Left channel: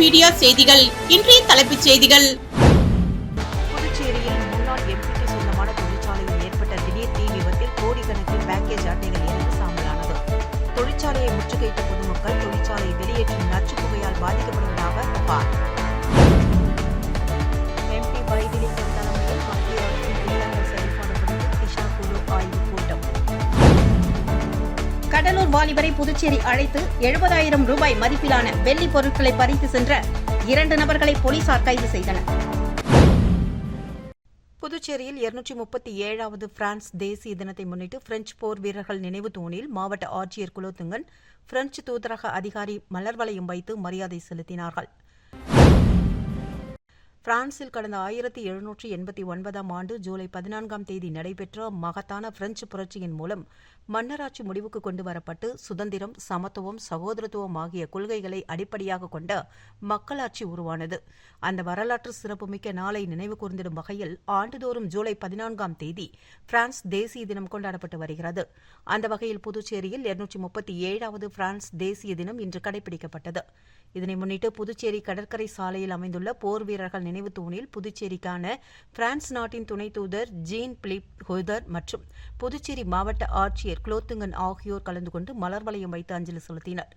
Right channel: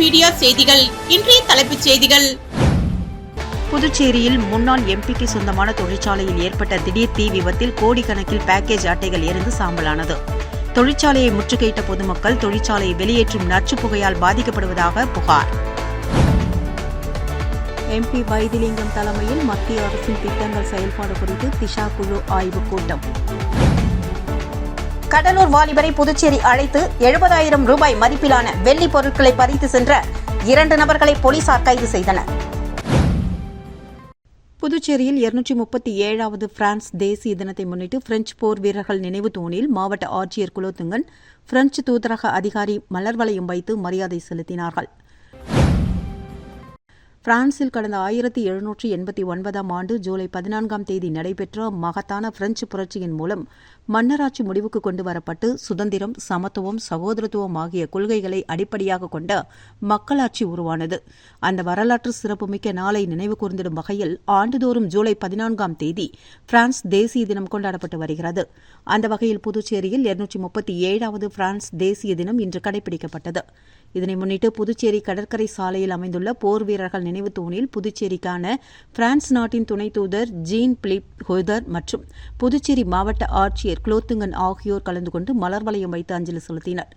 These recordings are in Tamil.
மீடியா செய்திகள். இன்றைய தலைப்புச் செய்திகள். புதுச்சேரியில் முன்னாள் எம்பிக்கு சொந்தமான தொழிற்சாலையில் ஏற்பட்ட திடீர் தீ விபத்தில் கோடிக்கணக்கில் பேக்கேஜ் அட்டைகள் எரிந்து சாம்பலானது. தொழிற்சாலையை முற்றுகையிட்ட பொதுமக்கள் தொழிற்சாலையை வெளியேற்றும் நச்சுப் புகையால் பாதிக்கப்படுவதாக புகார். எம்பி வைத்திலிங்கம் தலைமையில் மத்திய அரசின் திட்டங்கள் செயல்பாடு குறித்து திஷா குழு ஆய்வுக் கூட்டம். கடலூர் வாலிபரை புதுச்சேரி அழைத்து 70,000 ரூபாய் மதிப்பிலான வெள்ளி பொருட்களை பறித்து சென்ற 2 நபர்களை போலீசார் கைது செய்தனர். புதுச்சேரியில் 237வது பிரான்ஸ் தேசிய தினத்தை முன்னிட்டு பிரெஞ்சு போர் வீரர்கள் நினைவு தூணில் மாவட்ட ஆட்சியர் குலோத்துங்கன், பிரெஞ்சு தூதரக அதிகாரி மலர் வளையம் வைத்து மரியாதை செலுத்தினார்கள். பிரான்சில் கடந்த 1789ஆம் ஆண்டு ஜூலை 14ஆம் தேதி நடைபெற்ற மகத்தான பிரெஞ்சு புரட்சியின் மூலம் மன்னராட்சி முடிவுக்கு கொண்டு வரப்பட்டு சுதந்திரம், சமத்துவம், சகோதரத்துவம் ஆகிய கொள்கைகளை அடிப்படையாக கொண்ட மக்களாட்சி உருவானது. அந்த வரலாற்று சிறப்புமிக்க நாளை நினைவு கூர்ந்திடும் வகையில் ஆண்டுதோறும் ஜூலை 14ஆம் தேதி பிரான்ஸ் தேசிய தினம் கொண்டாடப்பட்டு வருகிறது. அந்த வகையில் புதுச்சேரியில் 237வது பிரான்ஸ் தேசிய தினம் இன்று கடைபிடிக்கப்பட்டது. இதனை முன்னிட்டு புதுச்சேரி கடற்கரை சாலையில் அமைந்துள்ள போர் வீரர்கள் நினைவு தூணில் புதுச்சேரிக்கான பிரான்ஸ் நாட்டின் துணை தூதர் ஜீன் பிலிப் ஹொய்தர் மற்றும் புதுச்சேரி மாவட்ட ஆட்சியர் குலோத்துங்கன் ஆகியோர் கலந்து கொண்டு மலர் வளையம் வைத்து அஞ்சலி செலுத்தினர்.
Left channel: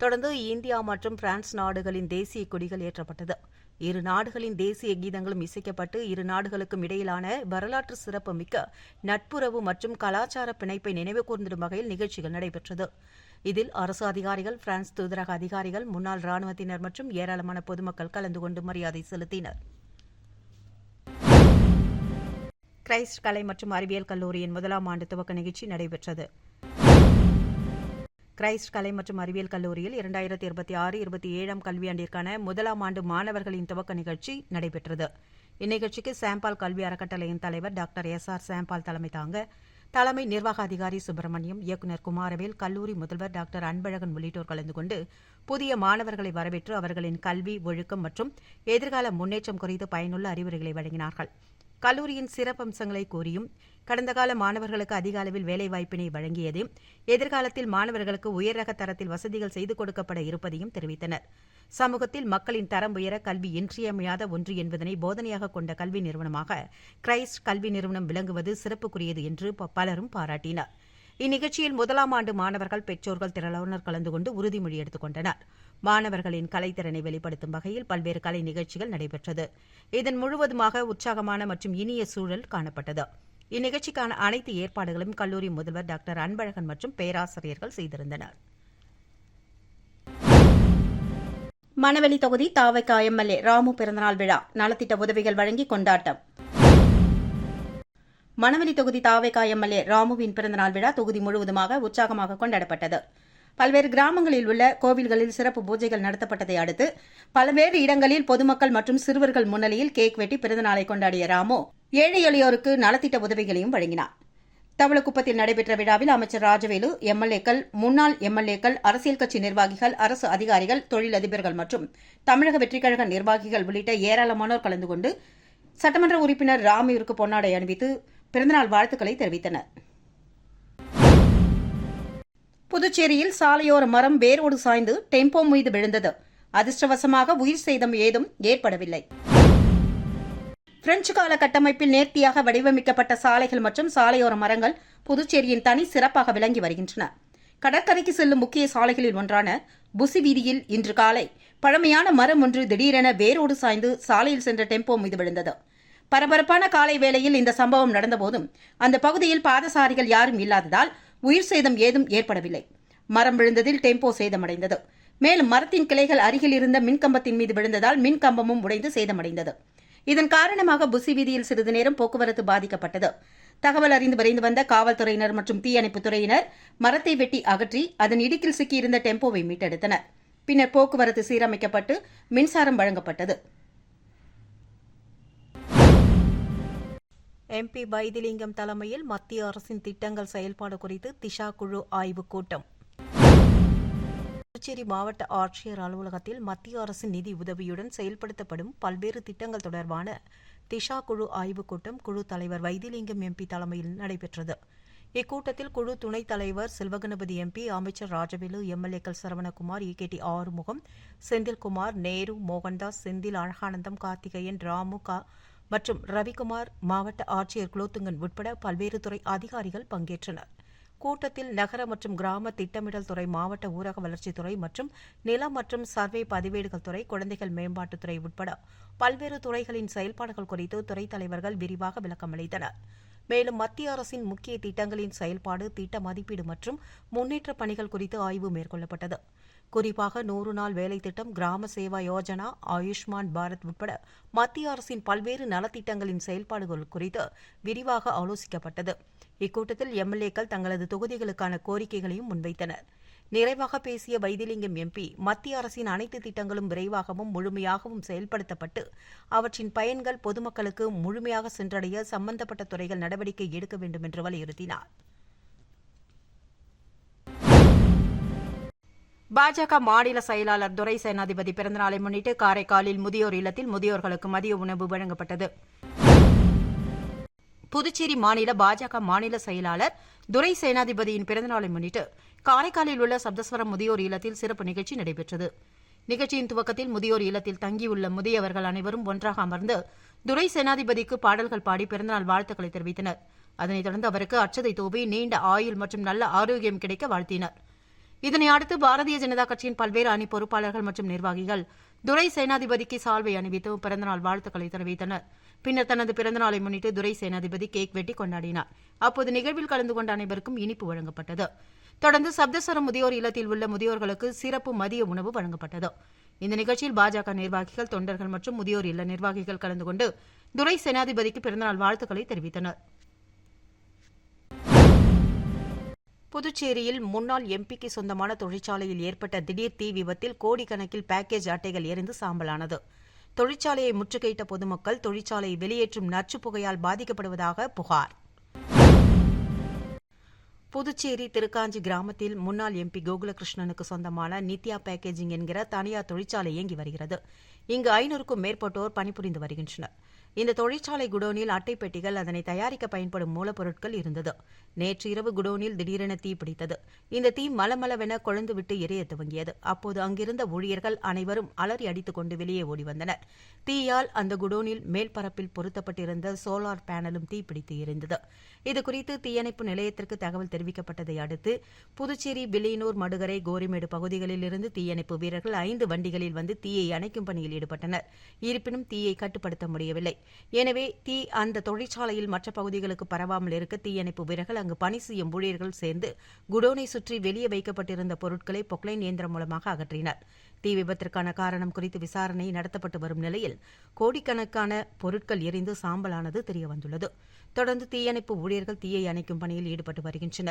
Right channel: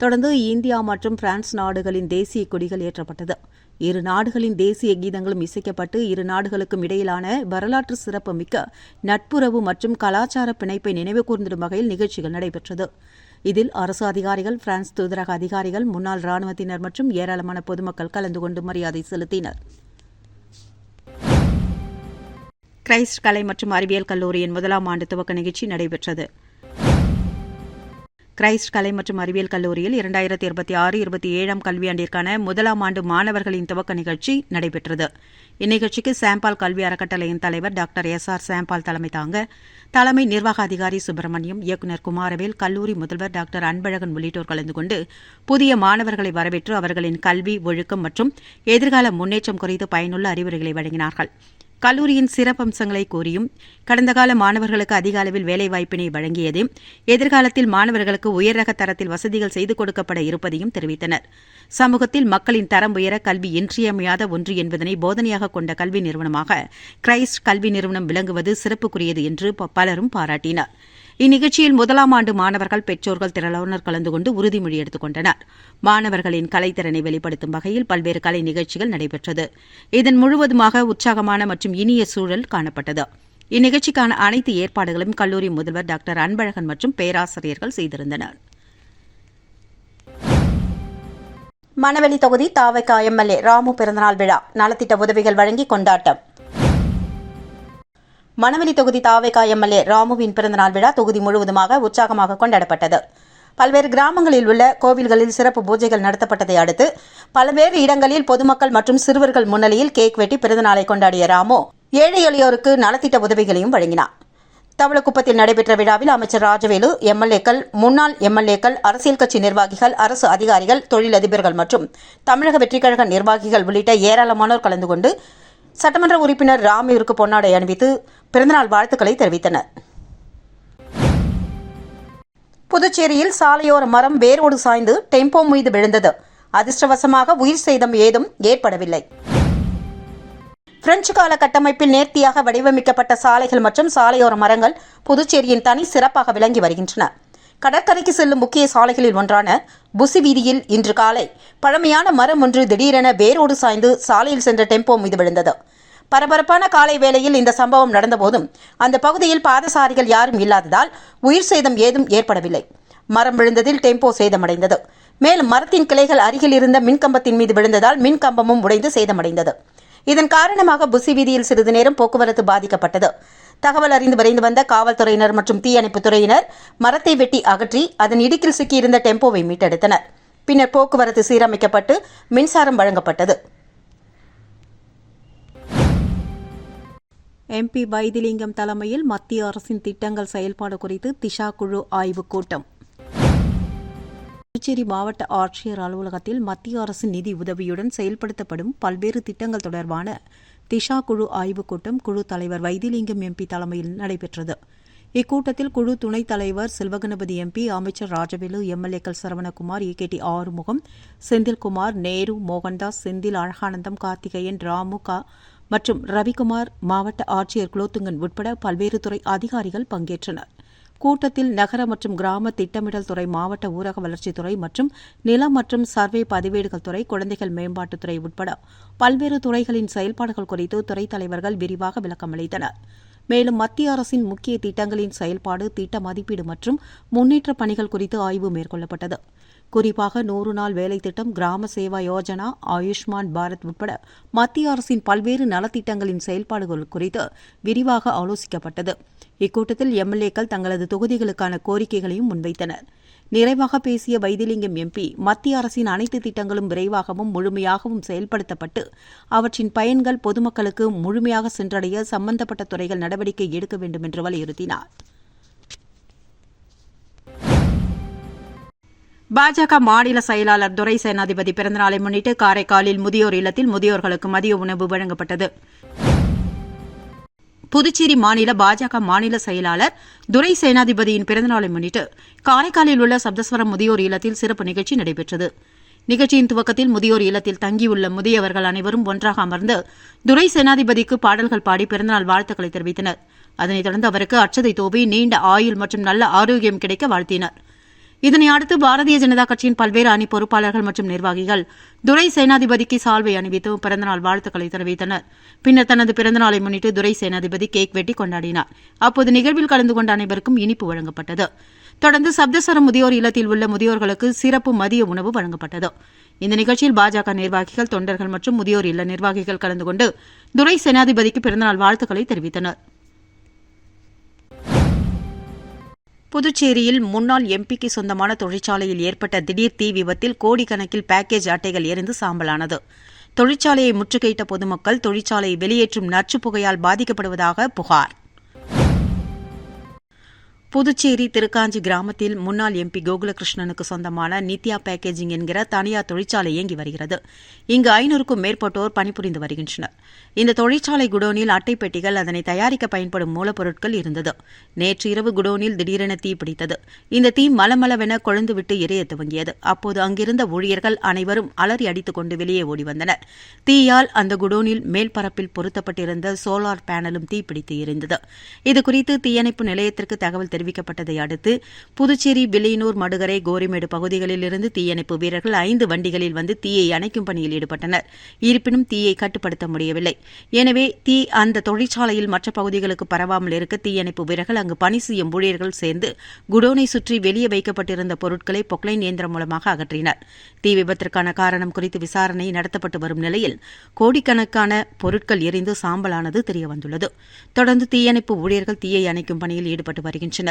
தொடர்ந்து இந்தியா மற்றும் பிரான்ஸ் நாடுகளின் தேசிய கொடிகள் ஏற்றப்பட்டது. இரு நாடுகளின் தேசிய கீதங்களும் இசைக்கப்பட்டு இரு நாடுகளுக்கும் இடையிலான வரலாற்று சிறப்புமிக்க நட்புறவு மற்றும் கலாச்சார பிணைப்பை நினைவு கூர்ந்திடும் வகையில் நிகழ்ச்சிகள் நடைபெற்றது. இதில் அரசு அதிகாரிகள், பிரான்ஸ் தூதரக அதிகாரிகள், முன்னாள் ராணுவத்தினர் மற்றும் ஏராளமான பொதுமக்கள் கலந்து கொண்டு மரியாதை செலுத்தினர். கிரைஸ்ட் கலை மற்றும் அறிவியல் கல்லூரியின் 1ஆம் ஆண்டு துவக்க நிகழ்ச்சி நடைபெற்றது. கிரைஸ்ட் கலை மற்றும் அறிவியல் கல்லூரியில் 2026-27ஆம் கல்வியாண்டிற்கான 1ஆம் ஆண்டு மாணவர்களின் துவக்க நிகழ்ச்சி நடைபெற்றது. இந்நிகழ்ச்சிக்கு சாம்பால் கல்வி அறக்கட்டளையின் தலைவர் டாக்டர் SR சாம்பால் தலைமை தாங்க, தலைமை நிர்வாக அதிகாரி சுப்பிரமணியம், இயக்குநர் குமாரவேல், கல்லூரி முதல்வர் டாக்டர் அன்பழகன் உள்ளிட்டோர் கலந்து கொண்டு புதிய மாணவர்களை வரவேற்று அவர்களின் கல்வி, ஒழுக்கம் மற்றும் எதிர்கால முன்னேற்றம் குறித்து பயனுள்ள அறிவுரைகளை வழங்கினார்கள். கல்லூரியின் சிறப்பம்சங்களை கூறியும், கடந்த கால மாணவர்களுக்கு அதிக அளவில் வேலைவாய்ப்பினை வழங்கியதையும், எதிர்காலத்தில் மாணவர்களுக்கு உயர்ரக தரத்தில் வசதிகள் செய்து கொடுக்கப்பட இருப்பதையும் தெரிவித்தனர். சமூகத்தில் மக்களின் தரம் உயர கல்வி இன்றியமையாத ஒன்று என்பதனை போதனையாக கொண்ட கல்வி நிறுவனமாக கிரைஸ்ட் கல்வி நிறுவனம் விளங்குவது சிறப்புக்குரியது என்று பலரும் பாராட்டினர். இந்நிகழ்ச்சியில் 1ஆம் ஆண்டு மாணவர்கள், பெற்றோர்கள் திரளானோர் கலந்து கொண்டு உறுதிமொழி எடுத்துக் கொண்டனர். மாணவர்களின் கலைத்திறனை வெளிப்படுத்தும் வகையில் பல்வேறு கலை நிகழ்ச்சிகள் நடைபெற்றது. இதன் முழுவதுமாக உற்சாகமான மற்றும் இனிய சூழல் காணப்பட்டது. இந்நிகழ்ச்சிக்கான அனைத்து ஏற்பாடுகளும் கல்லூரி முதல்வர் டாக்டர் அன்பழகன் மற்றும் பேராசிரியர்கள் செய்திருந்தனர். மணவெளி தொகுதி தாவக MLA ராமு பிறந்தநாள் விழா நலத்திட்ட உதவிகள் வழங்கி கொண்டாட்டம். மணவெளி தொகுதி தாவக MLA ராமுவின் பிறந்தநாள் விழா தொகுதி முழுவதுமாக உற்சாகமாக கொண்டாடப்பட்டது. பல்வேறு கிராமங்களில் உள்ள கோவில்களில் சிறப்பு பூஜைகள் நடத்தப்பட்டதை அடுத்து பல்வேறு இடங்களில் பொதுமக்கள் மற்றும் சிறுவர்கள் முன்னிலையில் கேக் வெட்டி பிறந்தநாளை கொண்டாடிய ராமு ஏழை எளியோருக்கு நலத்திட்ட உதவிகளையும் வழங்கினார். தவளக்குப்பத்தில் நடைபெற்ற விழாவில் அமைச்சர் ராஜவேலு, MLAக்கள், முன்னாள் MLAக்கள், அரசியல் கட்சி நிர்வாகிகள், அரசு அதிகாரிகள், தொழிலதிபர்கள் மற்றும் தமிழக வெற்றிக்கழக நிர்வாகிகள் உள்ளிட்ட ஏராளமானோர் கலந்து கொண்டு சட்டமன்ற உறுப்பினர் ராமுவிற்கு பொன்னாடை அணிவித்து பிறந்தநாள் வாழ்த்துக்களை தெரிவித்தனர். புதுச்சேரியில் சாலையோர மரம் வேரோடு சாய்ந்து டெம்போ மீது விழுந்தது. அதிர்ஷ்டவசமாக உயிர் சேதம் ஏதும் ஏற்படவில்லை. பிரெஞ்சு கால கட்டமைப்பில் நேர்த்தியாக வடிவமைக்கப்பட்ட சாலைகள் மற்றும் சாலையோர மரங்கள் புதுச்சேரியின் தனி சிறப்பாக விளங்கி வருகின்றன. கடற்கரைக்கு செல்லும் முக்கிய சாலைகளில் ஒன்றான புசி வீதியில் இன்று காலை பழமையான மரம் ஒன்று திடீரென வேரோடு சாய்ந்து சாலையில் சென்ற டெம்போ மீது விழுந்தது. பரபரப்பான காலை வேளையில் இந்த சம்பவம் நடந்தபோதும் அந்த பகுதியில் பாதசாரிகள் யாரும் இல்லாததால் உயிர் சேதம் ஏதும் ஏற்படவில்லை. மரம் விழுந்ததில் டெம்போ சேதமடைந்தது. மேலும் மரத்தின் கிளைகள் அருகில் இருந்த மின்கம்பத்தின் மீது விழுந்ததால் மின்கம்பமும் உடைந்து சேதமடைந்தது. இதன் காரணமாக புசி வீதியில் சிறிது நேரம் போக்குவரத்து பாதிக்கப்பட்டது. தகவல் அறிந்து விரைந்து வந்த காவல்துறையினர் மற்றும் தீயணைப்புத் துறையினர் மரத்தை வெட்டி அகற்றி அதன் இடுக்கில் சிக்கியிருந்த டெம்போவை மீட்டெடுத்தனர். பின்னர் போக்குவரத்து சீரமைக்கப்பட்டு மின்சாரம் வழங்கப்பட்டது. எம்பி வைத்திலிங்கம் தலைமையில் மத்திய அரசின் திட்டங்கள் செயல்பாடு குறித்து திஷா குழு ஆய்வுக் கூட்டம். புதுச்சேரி மாவட்ட ஆட்சியர் அலுவலகத்தில் மத்திய அரசின் நிதி உதவியுடன் செயல்படுத்தப்படும் பல்வேறு திட்டங்கள் தொடர்பான திஷா குழு ஆய்வுக் கூட்டம் குழு தலைவர் வைத்திலிங்கம் MP தலைமையில் நடைபெற்றது. இக்கூட்டத்தில் குழு துணைத் தலைவர் செல்வகணபதி எம்பி, அமைச்சர் ராஜவேலு, எம்எல்ஏக்கள் சரவணகுமார், ஏகேடி ஆறுமுகம், செந்தில்குமார், நேரு, மோகன்தாஸ், செந்தில் அழகானந்தம், கார்த்திகேயன், ராமு மற்றும் ரவிக்குமார், மாவட்ட ஆட்சியர் குலோத்துங்கன் உட்பட பல்வேறு துறை அதிகாரிகள் பங்கேற்றனர். கூட்டத்தில் நகர மற்றும் கிராம திட்டமிடல் துறை, மாவட்ட ஊரக வளர்ச்சித்துறை மற்றும் நிலம் மற்றும் சர்வே பதிவேடுகள் துறை, குழந்தைகள் மேம்பாட்டுத்துறை உட்பட பல்வேறு துறைகளின் செயல்பாடுகள் குறித்து துறைத் தலைவர்கள் விரிவாக விளக்கமளித்தனர். மேலும் மத்திய அரசின் முக்கிய திட்டங்களின் செயல்பாடு, திட்ட மதிப்பீடு மற்றும் முன்னேற்றப் பணிகள் குறித்து ஆய்வு மேற்கொள்ளப்பட்டது. குறிப்பாக 100 நாள் வேலை திட்டம், கிராம சேவா யோஜனா, ஆயுஷ்மான் பாரத் உட்பட மத்திய அரசின் பல்வேறு நலத்திட்டங்களின் செயல்பாடுகள் குறித்து விரிவாக ஆலோசிக்கப்பட்டது. இக்கூட்டத்தில் எம்எல்ஏக்கள் தங்களது தொகுதிகளுக்கான கோரிக்கைகளையும் முன்வைத்தனர். நிறைவாக பேசிய வைத்திலிங்கம் எம்பி, மத்திய அரசின் அனைத்து திட்டங்களும் விரைவாகவும் முழுமையாகவும் செயல்படுத்தப்பட்டு அவற்றின் பயன்கள் பொதுமக்களுக்கு முழுமையாக சென்றடைய சம்பந்தப்பட்ட துறைகள் நடவடிக்கை எடுக்க வேண்டும் என்று வலியுறுத்தினார். பாஜக மாநில செயலாளர் துரை சேனாதிபதி பிறந்தநாளை முன்னிட்டு காரைக்காலில் முதியோர் இல்லத்தில் முதியோர்களுக்கு மதிய உணவு வழங்கப்பட்டது. புதுச்சேரி மாநில பாஜக மாநில செயலாளர் துரை சேனாதிபதியின் பிறந்தநாளை முன்னிட்டு காரைக்காலில் உள்ள சப்தஸ்வரம் முதியோர் இல்லத்தில் சிறப்பு நிகழ்ச்சி நடைபெற்றது. நிகழ்ச்சியின் துவக்கத்தில் முதியோர் இல்லத்தில் தங்கியுள்ள முதியவர்கள் அனைவரும் ஒன்றாக அமர்ந்து துரை சேனாதிபதிக்கு பாடல்கள் பாடி பிறந்தநாள் வாழ்த்துக்களை தெரிவித்தனர். அதனைத் தொடர்ந்து அவருக்கு அட்சதை தூவி நீண்ட ஆயுள் மற்றும் நல்ல ஆரோக்கியம் கிடைக்க வாழ்த்தினர். இதனை அடுத்து பாரதிய ஜனதா கட்சியின் பல்வேறு அணி பொறுப்பாளர்கள் மற்றும் நிர்வாகிகள் துரை சேனாதிபதிக்கு சால்வை அணிவித்து பிறந்தநாள் வாழ்த்துக்களை தெரிவித்தனர். பின்னர் தனது பிறந்தநாளை முன்னிட்டு துரை சேனாதிபதி கேக் வெட்டி கொண்டாடினார். அப்போது நிகழ்வில் கலந்து கொண்ட அனைவருக்கும் இனிப்பு வழங்கப்பட்டது. தொடர்ந்து சப்தஸ்வரம் முதியோர் இல்லத்தில் உள்ள முதியோர்களுக்கு சிறப்பு மதிய உணவு வழங்கப்பட்டது. இந்த நிகழ்ச்சியில் பாஜக நிர்வாகிகள், தொண்டர்கள் மற்றும் முதியோர் இல்ல நிர்வாகிகள் கலந்து கொண்டு துரை சேனாதிபதிக்கு பிறந்தநாள் வாழ்த்துக்களை தெரிவித்தனர். புதுச்சேரியில் முன்னாள் எம்பிக்கு சொந்தமான தொழிற்சாலையில் ஏற்பட்ட திடீர் தீ விபத்தில் கோடிக்கணக்கில் பேக்கேஜ் அட்டைகள் எரிந்து சாம்பலானது. தொழிற்சாலையை முற்றுகையிட்ட பொதுமக்கள் தொழிற்சாலையை வெளியேற்றும் நச்சுப் புகையால் பாதிக்கப்படுவதாக புகார். புதுச்சேரி திருக்காஞ்சி கிராமத்தில் முன்னாள் எம்பி கோகுலகிருஷ்ணனுக்கு சொந்தமான நித்யா பேக்கேஜிங் என்கிற தனியார் தொழிற்சாலை இயங்கி வருகிறது. இங்கு 500க்கும் மேற்பட்டோர் பணிபுரிந்து வருகின்றனர். இந்த தொழிற்சாலை குடோனில் அட்டை பெட்டிகள், அதனை தயாரிக்க பயன்படும் மூலப்பொருட்கள் இருந்தது. நேற்று இரவு குடோனில் திடீரென தீ பிடித்தது. இந்த தீ மலமளவென கொழுந்துவிட்டு எரிய துவங்கியது. அப்போது அங்கிருந்த ஊழியர்கள் அனைவரும் அலறி அடித்துக் கொண்டு வெளியே ஓடி வந்தனர். தீயால் அந்த குடோனில் மேல்பரப்பில் பொருத்தப்பட்டிருந்த சோலார் பேனலும் தீப்பிடித்து எரிந்தது. இதுகுறித்து தீயணைப்பு நிலையத்திற்கு தகவல் தெரிவிக்கப்பட்டதை அடுத்து புதுச்சேரி, வில்லியனூர், மடுகரை, கோரிமேடு பகுதிகளில் இருந்து தீயணைப்பு வீரர்கள் 5 வண்டிகளில் வந்து தீயை அணைக்கும் பணியில் ஈடுபட்டனர். இருப்பினும் தீயை கட்டுப்படுத்த முடியவில்லை. எனவே தீ அந்த தொழிற்சாலையில் மற்ற பகுதிகளுக்கு பரவாமல் இருக்க தீயணைப்பு வீரர்கள், அங்கு பணி செய்யும் ஊழியர்கள் சேர்ந்து குடோனை சுற்றி வெளியே வைக்கப்பட்டிருந்த பொருட்களை பொக்லைன் இயந்திரம் மூலமாக அகற்றினர். தீ விபத்திற்கான காரணம் குறித்து விசாரணை நடத்தப்பட்டு வரும் நிலையில் கோடிக்கணக்கான பொருட்கள் எரிந்து சாம்பலானது தெரியவந்துள்ளது. தொடர்ந்து தீயணைப்பு ஊழியர்கள் தீயை அணைக்கும் பணியில் ஈடுபட்டு வருகின்றனர்.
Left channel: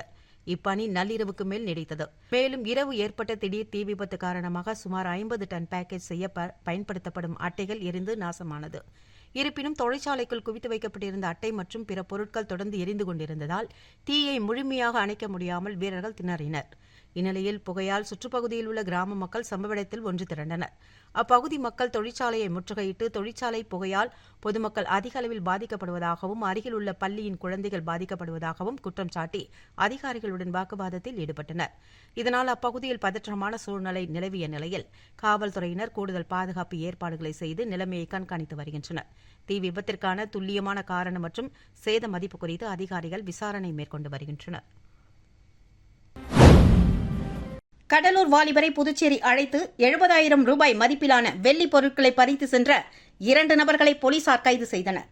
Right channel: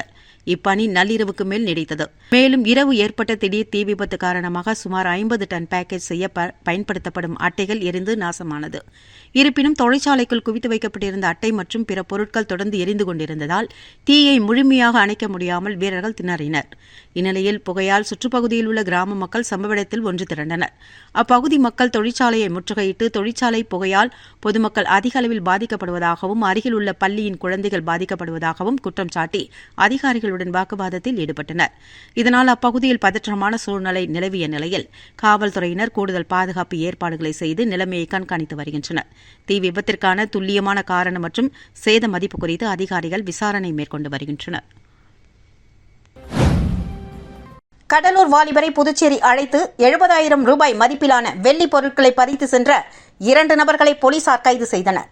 இப்பணி நள்ளிரவுக்கு மேல் நீடித்தது. மேலும் இரவு ஏற்பட்ட திடீர் தீ விபத்து காரணமாக சுமார் 50 டன் பேக்கேஜ் செய்ய பயன்படுத்தப்படும் அட்டைகள் எரிந்து நாசமானது. இருப்பினும் தொழிற்சாலைக்குள் குவித்து வைக்கப்பட்டிருந்த அட்டை மற்றும் பிற பொருட்கள் தொடர்ந்து எரிந்து கொண்டிருந்ததால் தீயை முழுமையாக அணைக்க முடியாமல் வீரர்கள் திணறினர். இந்நிலையில் புகையால் சுற்றுப்பகுதியில் உள்ள கிராம மக்கள் சம்பவ இடத்தில் ஒன்று திரண்டனர். அப்பகுதி மக்கள் தொழிற்சாலையை முற்றுகையிட்டு தொழிற்சாலை புகையால் பொதுமக்கள் அதிக அளவில் பாதிக்கப்படுவதாகவும் அருகில் உள்ள பள்ளியின் குழந்தைகள் பாதிக்கப்படுவதாகவும் குற்றம் சாட்டி அதிகாரிகளுடன் வாக்குவாதத்தில் ஈடுபட்டனர். இதனால் அப்பகுதியில் பதற்றமான சூழ்நிலை நிலவிய நிலையில் காவல்துறையினர் கூடுதல் பாதுகாப்பு ஏற்பாடுகளை செய்து நிலைமையை கண்காணித்து வருகின்றனர். தீ விபத்திற்கான துல்லியமான காரணம் மற்றும் சேத மதிப்பு குறித்து அதிகாரிகள் விசாரணை மேற்கொண்டு வருகின்றனர். கடலூர் வாலிபரை புதுச்சேரி அழைத்து 70,000 ரூபாய் மதிப்பிலான வெள்ளி பொருட்களை பறித்து சென்ற 2 நபர்களை போலீசார் கைது செய்தனர்.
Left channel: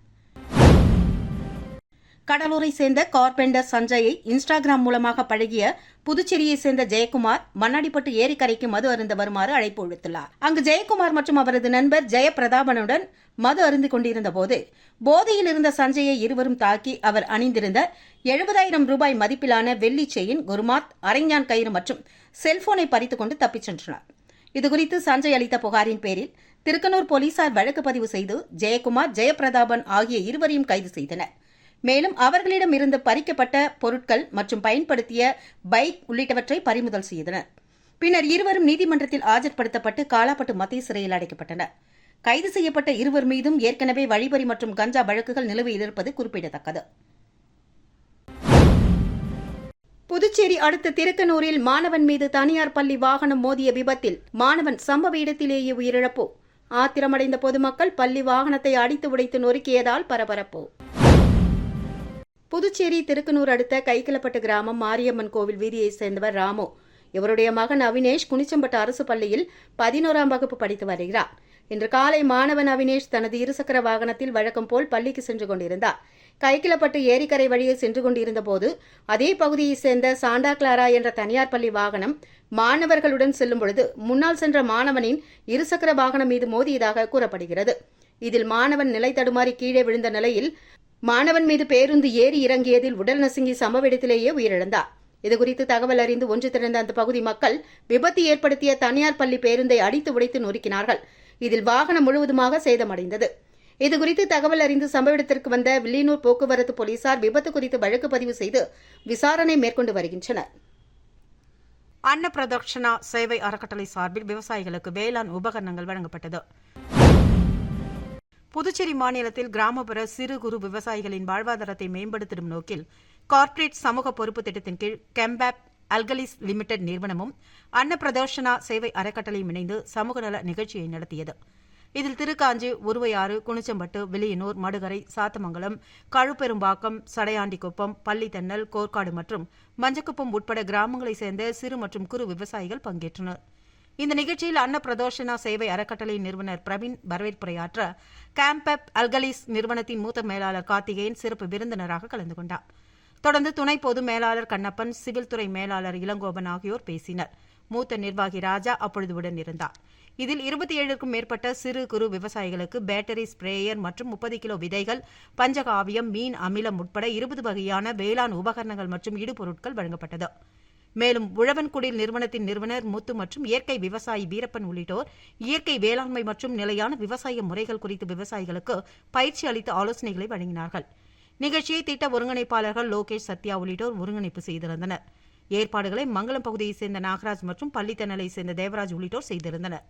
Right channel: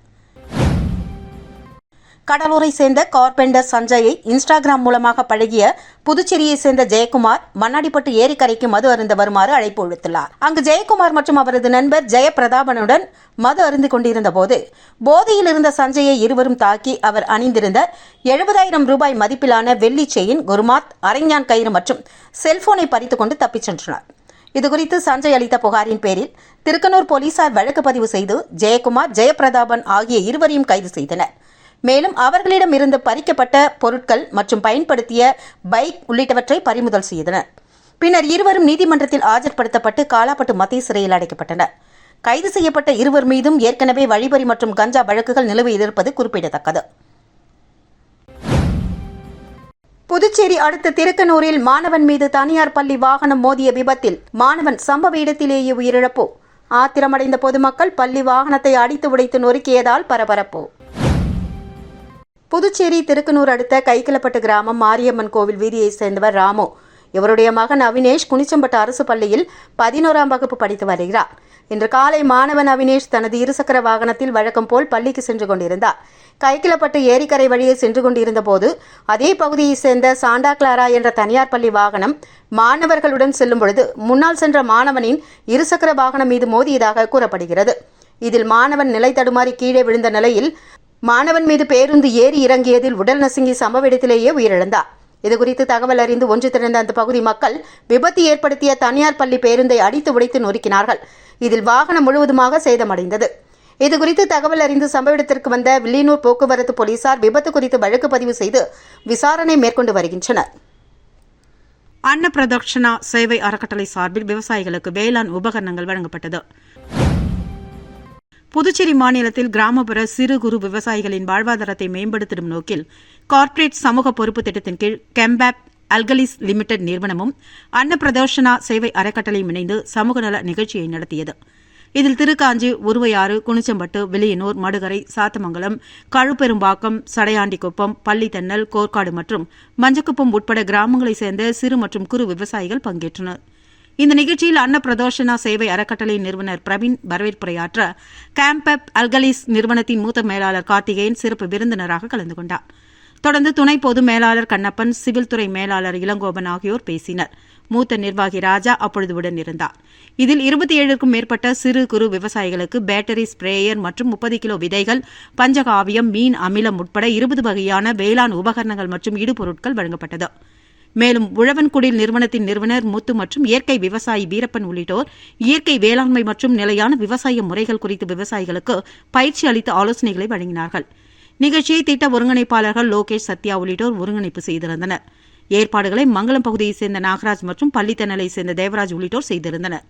கடலூரை சேர்ந்த கார்பெண்டர் சஞ்சயை இன்ஸ்டாகிராம் மூலமாக பழகிய புதுச்சேரியை சேர்ந்த ஜெயக்குமார் மண்ணாடிப்பட்டு ஏரிக்கரைக்கு மது அருந்த வருமாறு அழைப்பு விடுத்துள்ளார். அங்கு ஜெயக்குமார் மற்றும் அவரது நண்பர் ஜெயபிரதாபனுடன் மது அருந்து கொண்டிருந்த போது போதையில் இருந்த சஞ்சயை இருவரும் தாக்கி அவர் அணிந்திருந்த 70,000 ரூபாய் மதிப்பிலான வெள்ளி செயின், குருமாத், அரைஞான் கயிறு மற்றும் செல்போனை பறித்துக் கொண்டு தப்பிச் சென்றனர். இதுகுறித்து சஞ்சய் அளித்த புகாரின் பேரில் திருக்கனூர் போலீசார் வழக்கு பதிவு செய்து ஜெயக்குமார், ஜெயபிரதாபன் ஆகிய இருவரையும் கைது செய்தனர். மேலும் அவர்களிடம் இருந்து பறிக்கப்பட்ட பொருட்கள் மற்றும் பயன்படுத்திய பைக் உள்ளிட்டவற்றை பறிமுதல் செய்தனர். பின்னர் இருவரும் நீதிமன்றத்தில் ஆஜர்படுத்தப்பட்டு காலாப்பட்டு மத்திய சிறையில் அடைக்கப்பட்டனர். கைது செய்யப்பட்ட இருவர் மீதும் ஏற்கனவே வழிப்பறி மற்றும் கஞ்சா வழக்குகள் நிலுவையில் இருப்பது குறிப்பிடத்தக்கது. புதுச்சேரி அடுத்த திருக்கனூரில் மாணவன் மீது தனியார் பள்ளி வாகனம் மோதிய விபத்தில் மாணவன் சம்பவ இடத்திலேயே உயிரிழப்பு. ஆத்திரமடைந்த பொதுமக்கள் பள்ளி வாகனத்தை அடித்து உடைத்து நொறுக்கியதால் பரபரப்பு. புதுச்சேரி திருக்கனூர் அடுத்த கைக்கிளப்பட்டு கிராமம் மாரியம்மன் கோவில் வீதியைச் சேர்ந்தவர் ராமு. இவருடைய மகன் அவினேஷ் குனிச்சம்பட்டு அரசு பள்ளியில் 11ஆம் வகுப்பு படித்து வருகிறார். இன்று காலை மாணவன் அவினேஷ் தனது இருசக்கர வாகனத்தில் வழக்கம் போல் பள்ளிக்கு சென்று கொண்டிருந்தார். கைக்கிளப்பட்டு ஏரிக்கரை வழியே சென்று கொண்டிருந்த போது அதே பகுதியைச் சேர்ந்த சாண்டா கிளாரா என்ற தனியார் பள்ளி வாகனம் மாணவர்களுடன் செல்லும் பொழுது முன்னால் சென்ற மாணவனின் இருசக்கர வாகனம் மீது மோதியதாக கூறப்படுகிறது. இதில் மாணவன் நிலை தடுமாறி கீழே விழுந்த நிலையில் மாணவன் மீது பேருந்து ஏறி இறங்கியதில் உடல் நசுங்கி சம்பவ இடத்திலேயே உயிரிழந்தார். இதுகுறித்து தகவல் அறிந்து ஒன்று திரண்ட அந்த பகுதி மக்கள் விபத்து ஏற்படுத்திய தனியார் பள்ளி பேருந்தை அடித்து உடைத்து நொறுக்கினார்கள். இதில் வாகனம் முழுவதுமாக சேதமடைந்தது. இதுகுறித்து தகவல் அறிந்து சம்பவ இடத்திற்கு வந்த வில்லியனூர் போக்குவரத்து போலீசார் விபத்து குறித்து வழக்கு பதிவு செய்து விசாரணை மேற்கொண்டு வருகின்றனர். அன்னப்பிரதர்ஷனா சேவை அறக்கட்டளை சார்பில் விவசாயிகளுக்கு வேளாண் உபகரணங்கள் வழங்கப்பட்டது. புதுச்சேரி மாநிலத்தில் கிராமப்புற சிறு குறு விவசாயிகளின் வாழ்வாதாரத்தை மேம்படுத்தும் நோக்கில் கார்ப்பரேட் சமூக பொறுப்பு திட்டத்தின் கீழ் கெம்பேப் அல்கலிஸ் லிமிடெட் நிறுவனமும் அன்னப்பிரதர்ஷனா சேவை அறக்கட்டளையும் இணைந்து சமூக நல நிகழ்ச்சியை நடத்தியது. இதில் திருக்காஞ்சி, உருவையாறு, குனிச்சம்பட்டு, வில்லியனூர், மடுகரை, சாத்தமங்கலம், கழுப்பெரும்பாக்கம், சடையாண்டிக்குப்பம், பள்ளித்தென்னல், கோர்க்காடு மற்றும் மஞ்சக்குப்பம் உட்பட கிராமங்களைச் சேர்ந்த சிறு மற்றும் குறு விவசாயிகள் பங்கேற்றனர். இந்த நிகழ்ச்சியில் அன்னப்பிரதர்ஷனா சேவை அறக்கட்டளை நிறுவனர் பிரவீன் வரவேற்புரையாற்ற கேம்பப் அல்கலிஸ் நிறுவனத்தின் மூத்த மேலாளர் கார்த்திகேயன் சிறப்பு விருந்தினராக கலந்து கொண்டார். தொடர்ந்து துணை பொது மேலாளர் கண்ணப்பன், சிவில் துறை மேலாளர் இளங்கோபன் ஆகியோர் பேசினர். மூத்த நிர்வாகி ராஜா அப்பொழுது உடன் இருந்தார். இதில் 27க்கும் மேற்பட்ட சிறு குறு விவசாயிகளுக்கு பேட்டரி ஸ்பிரேயர் மற்றும் 30 கிலோ விதைகள், பஞ்சகாவியம், மீன் அமிலம் உட்பட 20 வகையான வேளாண் உபகரணங்கள் மற்றும் இடுபொருட்கள் வழங்கப்பட்டது. மேலும் உழவன்குடில் நிறுவனத்தின் நிறுவனர் முத்து மற்றும் இயற்கை விவசாயி வீரப்பன் உள்ளிட்டோர் இயற்கை வேளாண்மை மற்றும் நிலையான விவசாய முறைகள் குறித்து விவசாயிகளுக்கு பயிற்சி அளித்து ஆலோசனைகளை வழங்கினார்கள். நிகழ்ச்சியை திட்ட ஒருங்கிணைப்பாளர்கள் லோகேஷ், சத்யா உள்ளிட்டோர் ஒருங்கிணைப்பு செய்திருந்தனர். ஏற்பாடுகளை மங்களம் பகுதியைச் சேர்ந்த நாகராஜ் மற்றும் பள்ளித்தென்னலை சேர்ந்த தேவராஜ் உள்ளிட்டோர் செய்திருந்தனர்.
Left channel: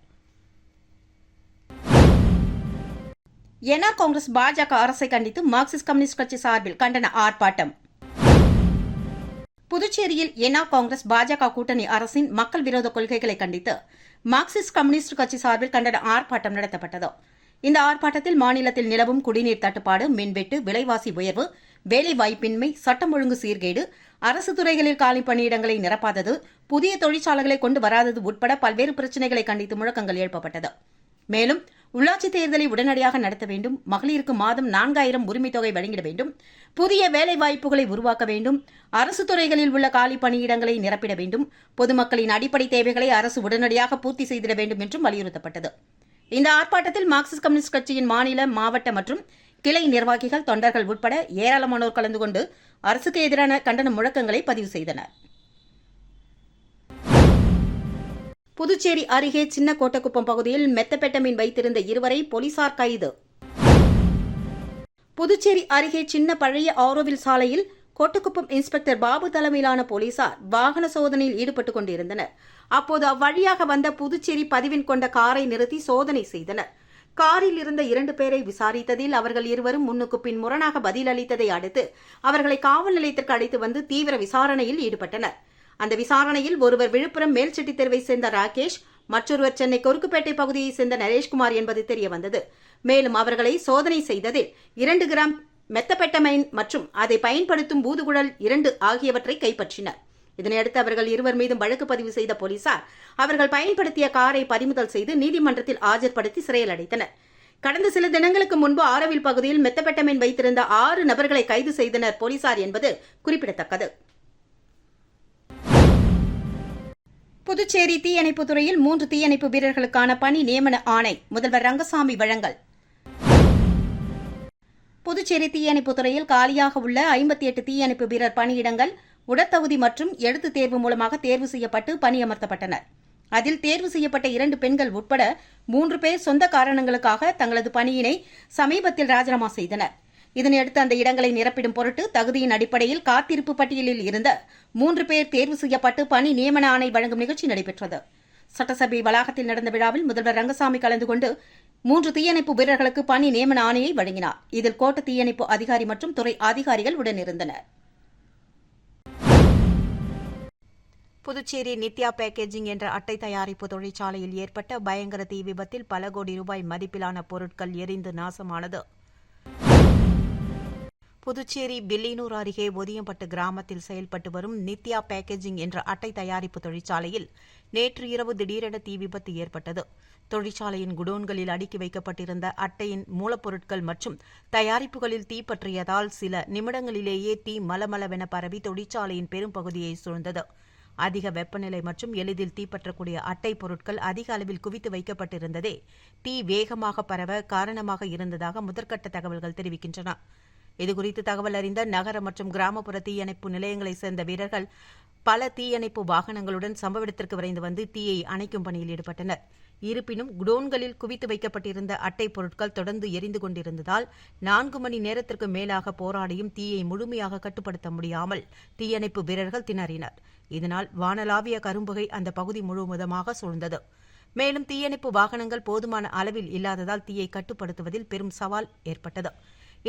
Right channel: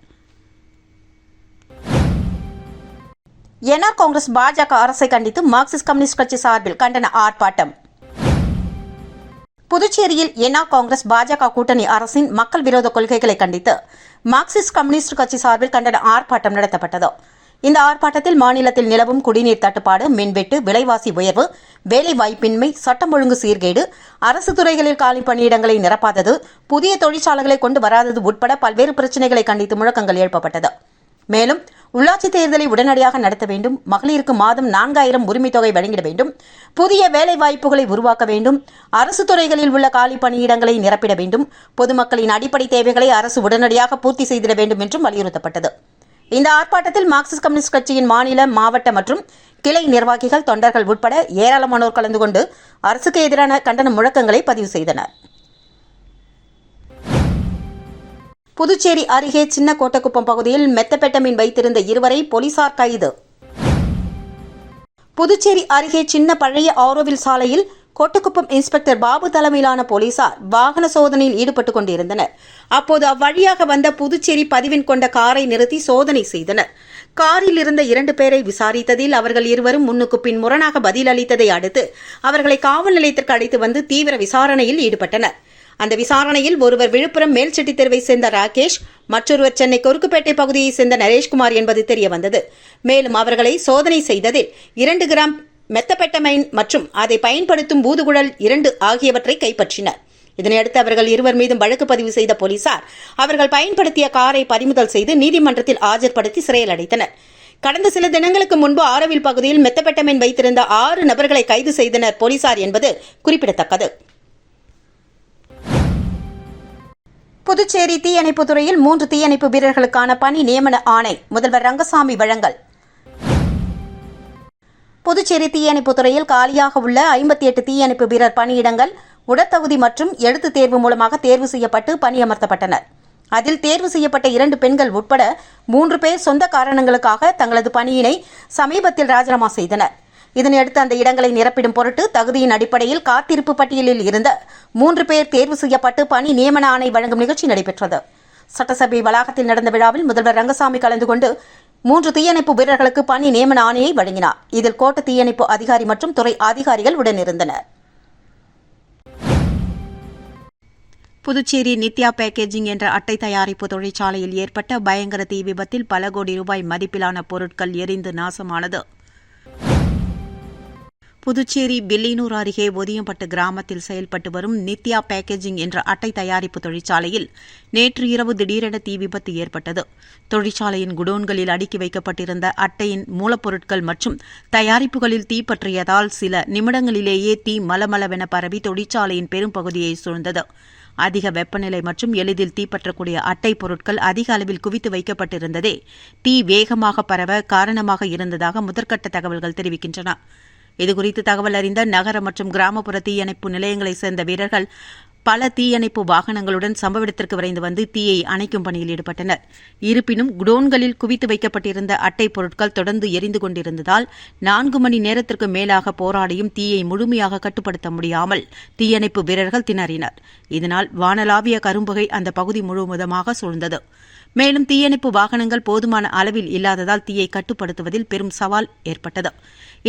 என்ஆர் காங்கிரஸ் பாஜக அரசை கண்டித்து மார்க்சிஸ்ட் கம்யூனிஸ்ட் கட்சி சார்பில் கண்டன ஆர்ப்பாட்டம். புதுச்சேரியில் என்ஆர் காங்கிரஸ் பாஜக கூட்டணி அரசின் மக்கள் விரோத கொள்கைகளை கண்டித்து மார்க்சிஸ்ட் கம்யூனிஸ்ட் கட்சி சார்பில் கண்டன ஆர்ப்பாட்டம் நடத்தப்பட்டது. இந்த ஆர்ப்பாட்டத்தில் மாநிலத்தில் நிலவும் குடிநீர் தட்டுப்பாடு, மின்வெட்டு, விலைவாசி உயர்வு, வேலைவாய்ப்பின்மை, சட்டம் ஒழுங்கு சீர்கேடு, அரசு துறைகளில் காலி பணியிடங்களை நிரப்பாதது, புதிய தொழிற்சாலைகளை கொண்டு வராதது உட்பட பல்வேறு பிரச்சினைகளை கண்டித்து முழக்கங்கள் எழுப்பப்பட்டது. மேலும் உள்ளாட்சி தேர்தலை உடனடியாக நடத்த வேண்டும், மகளிருக்கு மாதம் 4000 உரிமைத் தொகை வழங்கிட வேண்டும், புதிய வேலைவாய்ப்புகளை உருவாக்க வேண்டும், அரசு துறைகளில் உள்ள காலி பணியிடங்களை நிரப்பிட வேண்டும், பொதுமக்களின் அடிப்படை தேவைகளை அரசு உடனடியாக பூர்த்தி செய்திட வேண்டும் என்றும் வலியுறுத்தப்பட்டது. இந்த ஆர்ப்பாட்டத்தில் மார்க்சிஸ்ட் கம்யூனிஸ்ட் கட்சியின் மாநில, மாவட்ட மற்றும் கிளை நிர்வாகிகள், தொண்டர்கள் உட்பட ஏராளமானோர் கலந்து கொண்டு அரசுக்கு எதிரான கண்டன முழக்கங்களை பதிவு செய்தனர். புதுச்சேரி அருகே சின்ன கோட்டக்குப்பம் பகுதியில் மெத்தபெட்டமின் வைத்திருந்த 2 போலீசார் கைது. புதுச்சேரி அருகே சின்ன பழைய ஆரோவில் சாலையில் கோட்டக்குப்பம் இன்ஸ்பெக்டர் பாபு தலைமையிலான போலீசார் வாகன சோதனையில் ஈடுபட்டுக் கொண்டிருந்தனர். அப்போது அவ்வழியாக வந்த புதுச்சேரி பதிவெண் கொண்ட காரை நிறுத்தி சோதனை செய்தனர். காரில் இருந்த 2 பேரை விசாரித்ததில் அவர்கள் இருவரும் முன்னுக்கு பின் முரணாக பதில் அளித்ததை அடுத்து அவர்களை காவல் நிலையத்திற்கு அழைத்து வந்து தீவிர விசாரணையில் ஈடுபட்டனர். அந்த விசாரணையில் ஒருவர் விழுப்புரம் மேல்செட்டி தெருவை சேர்ந்த ராகேஷ், மற்றொருவர் சென்னை கொருக்குப்பேட்டை பகுதியைச் சேர்ந்த நரேஷ்குமார் என்பது தெரியவந்தது. மேலும் அவர்களை சோதனை செய்ததில் 2 கிராம் மெத்தபெட்டமைன் மற்றும் அதை பயன்படுத்தும் ஊதுகுழல் 2 ஆகியவற்றை கைப்பற்றினர். இதனையடுத்து அவர்கள் இருவர் மீதும் வழக்கு பதிவு செய்த போலீசார் அவர்கள் பயன்படுத்திய காரை பறிமுதல் செய்து நீதிமன்றத்தில் ஆஜர்படுத்தி சிறையில் அடைத்தனர். கடந்த சில தினங்களுக்கு முன்பு ஆரோவில் பகுதியில் மெத்தபெட்டமைன் வைத்திருந்த 6 நபர்களை கைது செய்தனர் போலீசார் என்பது குறிப்பிடத்தக்கது. புதுச்சேரி தீயணைப்புத் துறையில் 3 தீயணைப்பு வீரர்களுக்கான பணி நியமன ஆணை முதல்வர் ரங்கசாமி வழங்கல். புதுச்சேரி தீயணைப்புத் துறையில் காலியாக உள்ள 58 தீயணைப்பு வீரர் பணியிடங்கள் உடற்தகுதி மற்றும் எழுத்துத் தேர்வு மூலமாக தேர்வு செய்யப்பட்டு பணியமர்த்தப்பட்டனர். அதில் தேர்வு செய்யப்பட்ட 2 பெண்கள் உட்பட 3 பேர் சொந்த காரணங்களுக்காக தங்களது பணியினை சமீபத்தில் ராஜினாமா செய்தனர். இதனையடுத்து அந்த இடங்களை நிரப்பிடும் பொருட்டு தகுதியின் அடிப்படையில் காத்திருப்பு பட்டியலில் இருந்த 3 பேர் தேர்வு செய்யப்பட்டு பணி நியமன ஆணை வழங்கும் நிகழ்ச்சி நடைபெற்றது. சட்டசபை வளாகத்தில் நடந்த விழாவில் முதல்வர் ரங்கசாமி கலந்து கொண்டு 3 தீயணைப்பு வீரர்களுக்கு பணி நியமன ஆணையை வழங்கினார். இதில் கோட்ட தீயணைப்பு அதிகாரி மற்றும் துறை அதிகாரிகள் உடனிருந்தனர். புதுச்சேரி நித்யா பேக்கேஜிங் என்ற அட்டை தயாரிப்பு தொழிற்சாலையில் ஏற்பட்ட பயங்கர தீ விபத்தில் பல கோடி ரூபாய் மதிப்பிலான பொருட்கள் எரிந்து நாசமானது. புதுச்சேரி பில்லியனூர் அருகே ஒதியம்பட்டு கிராமத்தில் செயல்பட்டு வரும் நித்யா பேக்கேஜிங் என்ற அட்டை தயாரிப்பு தொழிற்சாலையில் நேற்று இரவு திடீரென தீ விபத்து ஏற்பட்டது. தொழிற்சாலையின் குடோன்களில் அடுக்கி வைக்கப்பட்டிருந்த அட்டையின் மூலப்பொருட்கள் மற்றும் தயாரிப்புகளில் தீ பற்றியதால் சில நிமிடங்களிலேயே தீ மலமளவென பரவி தொழிற்சாலையின் பெரும் பகுதியை சூழ்ந்தது. அதிக வெப்பநிலை மற்றும் எளிதில் தீப்பற்றக்கூடிய அட்டை பொருட்கள் அதிக அளவில் குவித்து வைக்கப்பட்டிருந்ததே தீ வேகமாக பரவ காரணமாக இருந்ததாக முதற்கட்ட தகவல்கள் தெரிவிக்கின்றன. இதுகுறித்து தகவல் அறிந்த நகர மற்றும் கிராமப்புற தீயணைப்பு நிலையங்களைச் சேர்ந்த வீரர்கள் பல தீயணைப்பு வாகனங்களுடன் சம்பவ இடத்திற்கு விரைந்து வந்து தீயை அணைக்கும் பணியில் ஈடுபட்டனர். இருப்பினும் குடோன்களில் குவித்து வைக்கப்பட்டிருந்த அட்டை பொருட்கள் தொடர்ந்து எரிந்து கொண்டிருந்ததால் 4 மணி நேரத்திற்கு மேலாக போராடியும் தீயை முழுமையாக கட்டுப்படுத்த முடியாமல் தீயணைப்பு வீரர்கள் திணறினர். இதனால் வானளாவிய கரும்புகை அந்த பகுதி முழுவதுமாக சூழ்ந்தது. மேலும் தீயணைப்பு வாகனங்கள் போதுமான அளவில் இல்லாததால் தீயை கட்டுப்படுத்துவதில் பெரும் சவால் ஏற்பட்டது.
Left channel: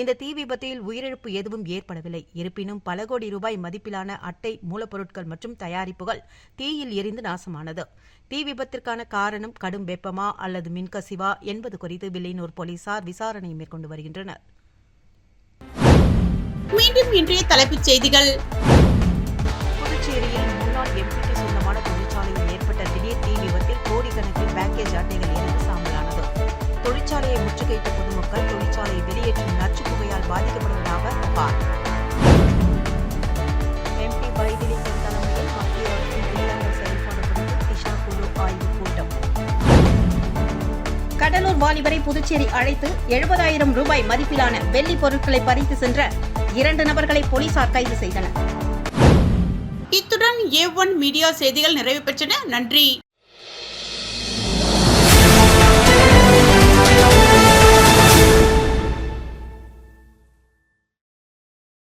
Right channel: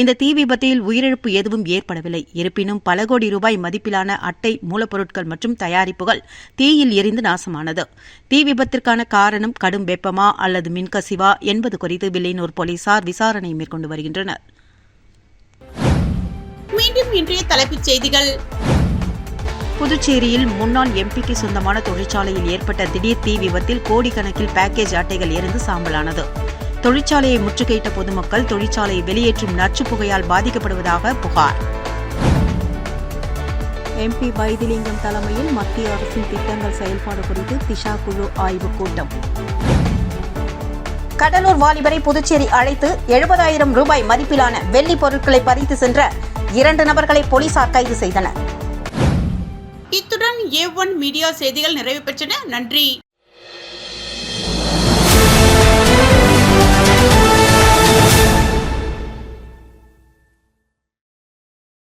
இந்த தீ விபத்தில் உயிரிழப்பு எதுவும் ஏற்படவில்லை. இருப்பினும் பல கோடி ரூபாய் மதிப்பிலான அட்டை மூலப்பொருட்கள் மற்றும் தயாரிப்புகள் தீயில் எரிந்து நாசமானது. தீ விபத்திற்கான காரணம் கடும் வெப்பமா அல்லது மின்கசிவா என்பது குறித்து வில்லியனூர் போலீசார் விசாரணை மேற்கொண்டு வருகின்றனர். மீண்டும் இன்றைய தலைப்புச் செய்திகள். புதுச்சேரியில் முன்னாள் எம்பிக்கு சொந்தமான தொழிற்சாலையில் ஏற்பட்ட திடீர் தீ விபத்தில் கோடிக்கணக்கில் பேக்கேஜ் அட்டைகள் எரிந்து சாம்பலானது. தொழிற்சாலையை முற்றுகையிட்ட பொதுமக்கள் தொழிற்சாலையை வெளியேற்றும் நச்சுப் புகையால் பாதிக்கப்படுவதாக புகார். MP வைத்திலிங்கம் தலைமையில் மத்திய அரசின் திட்டங்கள் செயல்பாடு குறித்து திஷா குழு ஆய்வுக் கூட்டம். கடலூர் வாலிபரை புதுச்சேரி அழைத்து 70,000 ரூபாய் மதிப்பிலான வெள்ளி பொருட்களை பறித்து சென்ற 2 நபர்களை போலீசார் கைது செய்தனர். இத்துடன் A1 மீடியா செய்திகள் நிறைவு பெற்றன. நன்றி.